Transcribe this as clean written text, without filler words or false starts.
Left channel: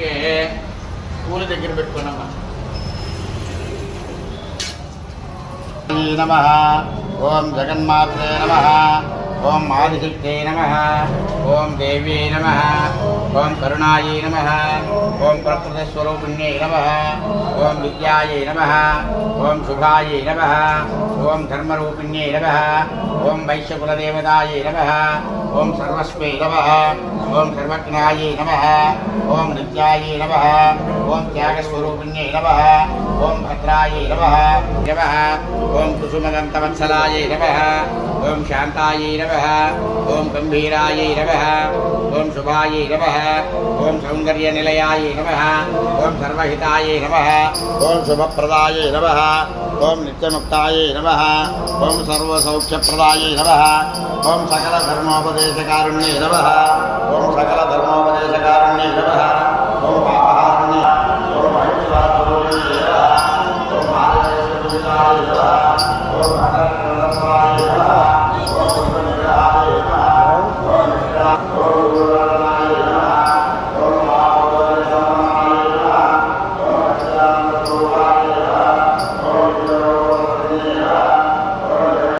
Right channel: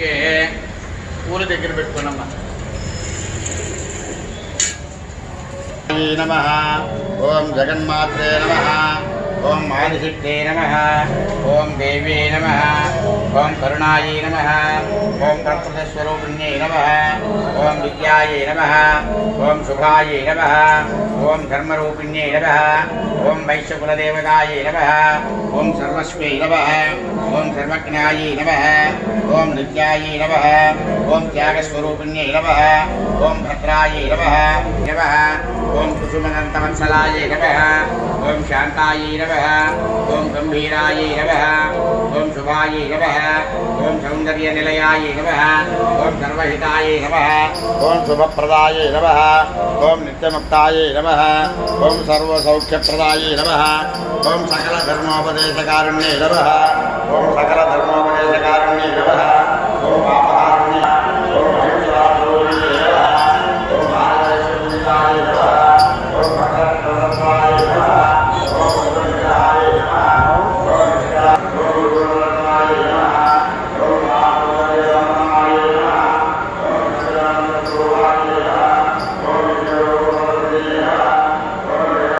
దేవుడికి పూల దగ్గర పెట్టుకున్నామ్మా. నమః ఓం జగన్మాత్రే నమః ఓం ఆదిశక్తే నమః ఓం దేవే నమః ఓం కరుణాయై నమః ఓం ప్రకృతస్వరూపిణ్యై నమః ఓం విద్యాయై నమః ఓం శుభాయై నమః ఓం ధర్మరూపిణ్యై నమః ఓం వైశ్యకులదేవతాయై నమః ఓం సర్వస్వై నమః ఓం సర్వజ్ఞాయై నమః ఓం నిత్యాయై నమః ఓం త్యాగస్వరూపిణ్యై నమః ఓం భద్రాయై నమః నమః ఓం కుసుమదంతవత్సలాయై నమః ఓం శాంతాయై నమః ఓం గంభీరాయై నమః ఓం శుభాయై నమః ఓం సౌందర్యనిలయాయై నమః ఓం సర్వహితాయై నమః ఓం శుభప్రదాయై నమః ఓం నిత్యముక్తాయై నమః ఓం సర్వసౌఖ్యప్రదాయై నమః ఓం సకలధర్మోపదేశకారుణ్యై నమః ఓం సకలధర్మోపదేశకారుణ్యై నమః ఓం